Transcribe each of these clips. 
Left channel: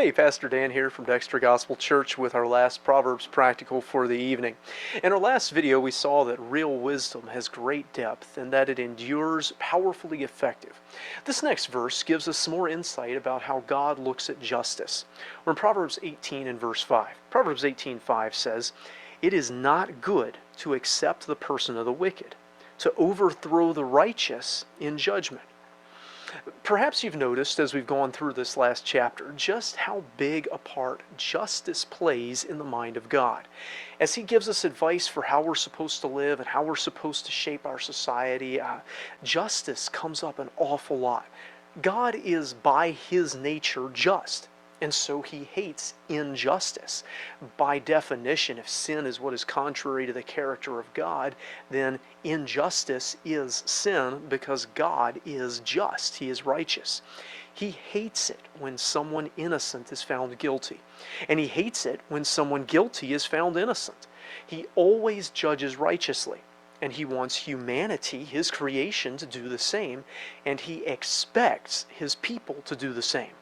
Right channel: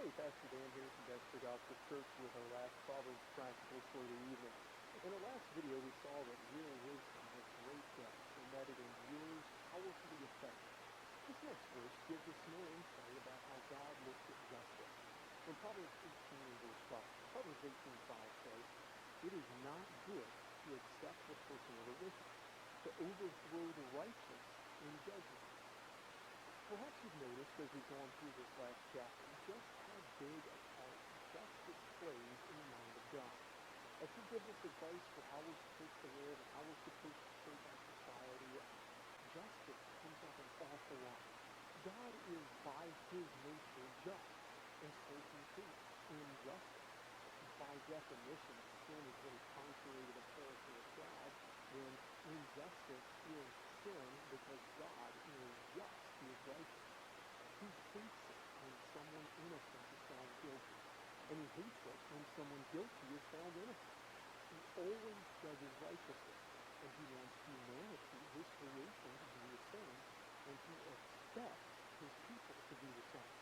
Hey, Pastor Dan here from Dexter Gospel Church with our last Proverbs practical for the evening. In our last video, we saw that real wisdom has great depth and that it endures, powerfully effective. This next verse gives us some more insight about how God looks at justice. We're in Proverbs 18 and verse 5. Proverbs 18:5 says, "It is not good to accept the person of the wicked, to overthrow the righteous in judgment." Perhaps you've noticed as we've gone through this last chapter just how big a part justice plays in the mind of God. As He gives us advice for how we're supposed to live and how we're supposed to shape our society, justice comes up an awful lot. God is by His nature just. And so He hates injustice. By definition, if sin is what is contrary to the character of God, then injustice is sin because God is just. He is righteous. He hates it when someone innocent is found guilty. And He hates it when someone guilty is found innocent. He always judges righteously. And He wants humanity, His creation, to do the same. And He expects His people to do the same.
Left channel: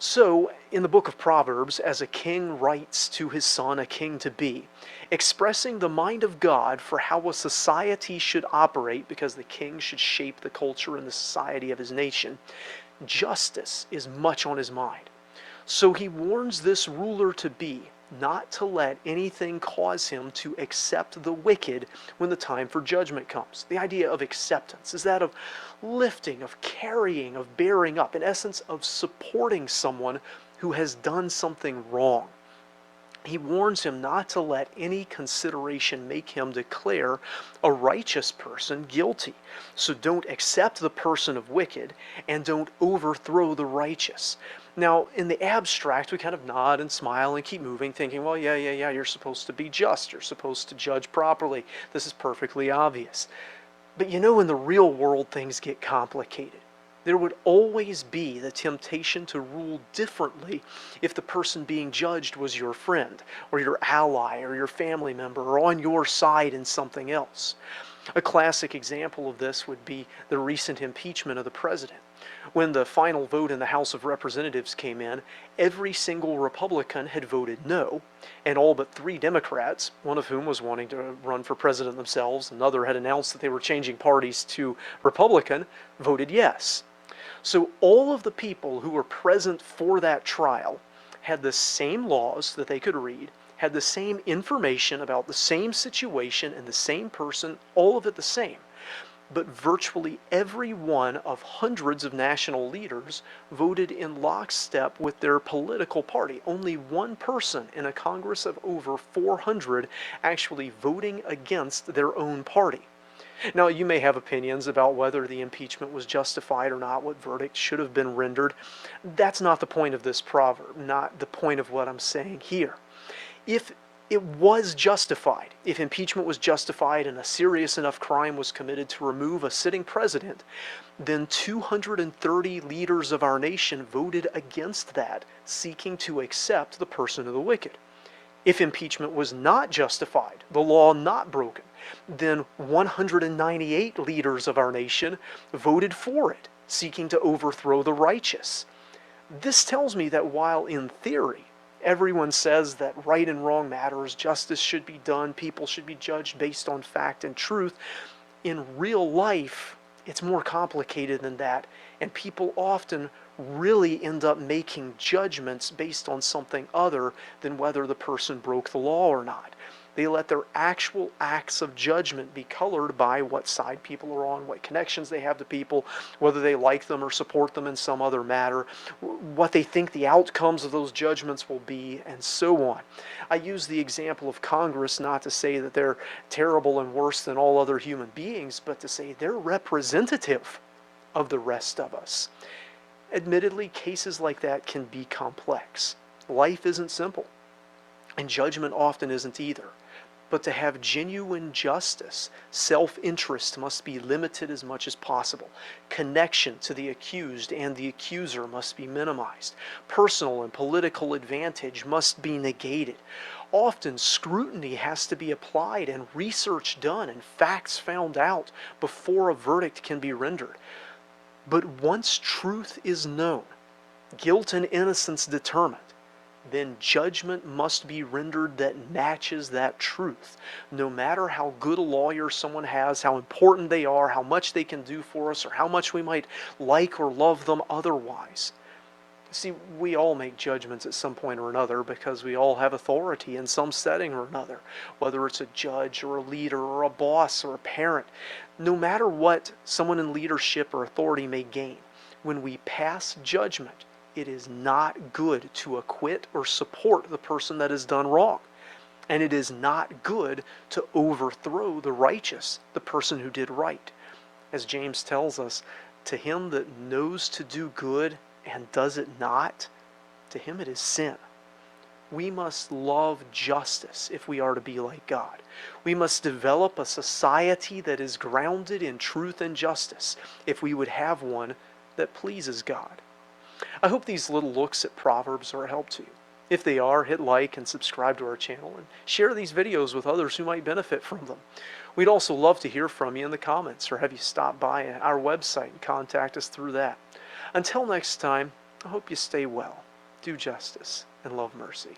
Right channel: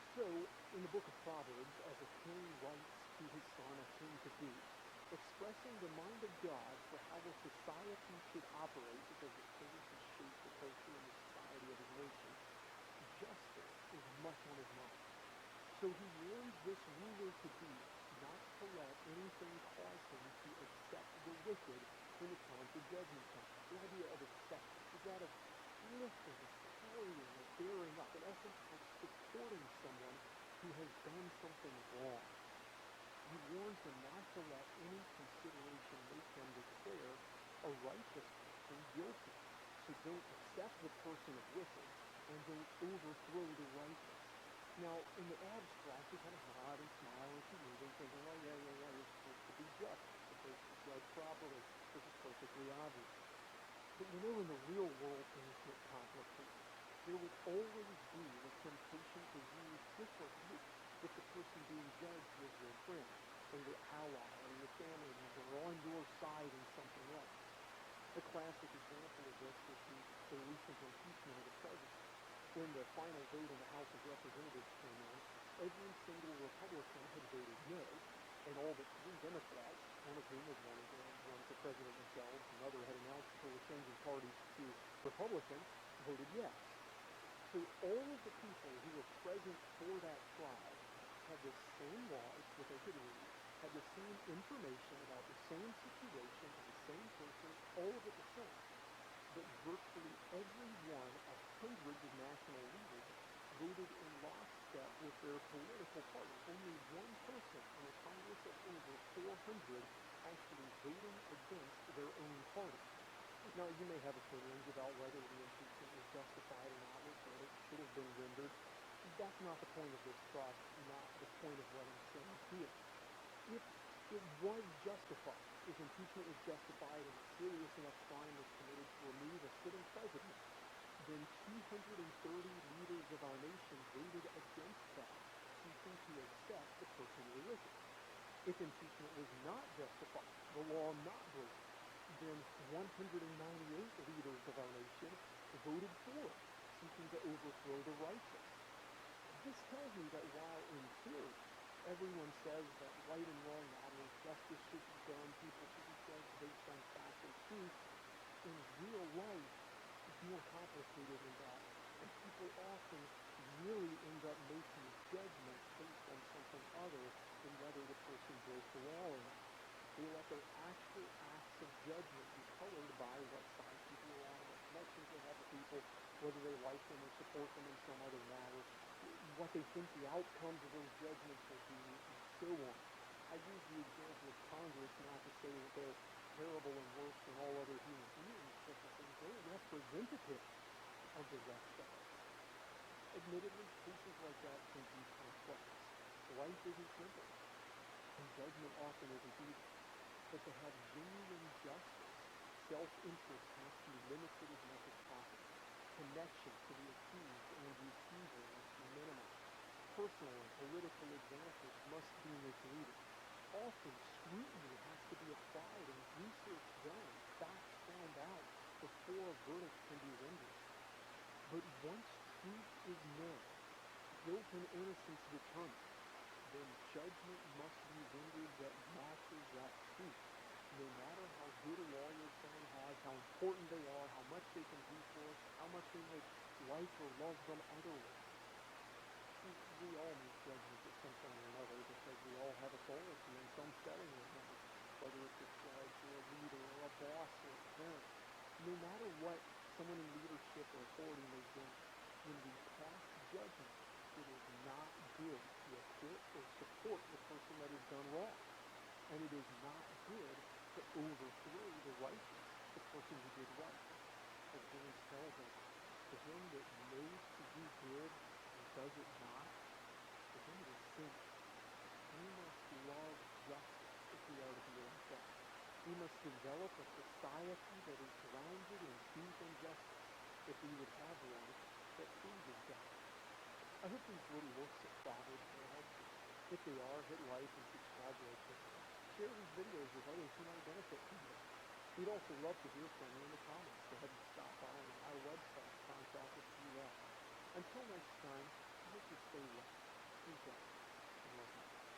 So, in the book of Proverbs, as a king writes to his son, a king-to-be, expressing the mind of God for how a society should operate, because the king should shape the culture and the society of his nation, justice is much on his mind. So he warns this ruler-to-be not to let anything cause him to accept the wicked when the time for judgment comes. The idea of acceptance is that of lifting, of carrying, of bearing up, in essence of supporting someone who has done something wrong. He warns him not to let any consideration make him declare a righteous person guilty. So don't accept the person of wicked and don't overthrow the righteous. Now, in the abstract, we kind of nod and smile and keep moving, thinking, well, yeah, you're supposed to be just. You're supposed to judge properly. This is perfectly obvious. But you know, in the real world, things get complicated. There would always be the temptation to rule differently if the person being judged was your friend, or your ally, or your family member, or on your side in something else. A classic example of this would be the recent impeachment of the president. When the final vote in the House of Representatives came in, every single Republican had voted no, and all but 3 Democrats, one of whom was wanting to run for president themselves, another had announced that they were changing parties to Republican, voted yes. So all of the people who were present for that trial had the same laws that they could read, had the same information about the same situation and the same person, all of it the same. But virtually every one of hundreds of national leaders voted in lockstep with their political party. Only one person in a Congress of over 400 actually voting against their own party. Now, you may have opinions about whether the impeachment was justified or not, what verdict should have been rendered. That's not the point of this proverb, not the point of what I'm saying here. If it was justified, if impeachment was justified and a serious enough crime was committed to remove a sitting president, then 230 leaders of our nation voted against that, seeking to accept the person of the wicked. If impeachment was not justified, the law not broken, then 198 leaders of our nation voted for it, seeking to overthrow the righteous. This tells me that while in theory, everyone says that right and wrong matters, justice should be done, people should be judged based on fact and truth, in real life, it's more complicated than that, and people often really end up making judgments based on something other than whether the person broke the law or not. They let their actual acts of judgment be colored by what side people are on, what connections they have to people, whether they like them or support them in some other matter, what they think the outcomes of those judgments will be, and so on. I use the example of Congress not to say that they're terrible and worse than all other human beings, but to say they're representative of the rest of us. Admittedly, cases like that can be complex. Life isn't simple, and judgment often isn't either. But to have genuine justice, self-interest must be limited as much as possible. Connection to the accused and the accuser must be minimized. Personal and political advantage must be negated. Often scrutiny has to be applied and research done and facts found out before a verdict can be rendered. But once truth is known, guilt and innocence determined, then judgment must be rendered that matches that truth. No matter how good a lawyer someone has, how important they are, how much they can do for us, or how much we might like or love them otherwise. See, we all make judgments at some point or another because we all have authority in some setting or another, whether it's a judge or a leader or a boss or a parent. No matter what someone in leadership or authority may gain, when we pass judgment, it is not good to acquit or support the person that has done wrong. And it is not good to overthrow the righteous, the person who did right. As James tells us, to him that knows to do good and does it not, to him it is sin. We must love justice if we are to be like God. We must develop a society that is grounded in truth and justice if we would have one that pleases God. I hope these little looks at Proverbs are a help to you. If they are, hit like and subscribe to our channel and share these videos with others who might benefit from them. We'd also love to hear from you in the comments or have you stop by our website and contact us through that. Until next time, I hope you stay well, do justice, and love mercy.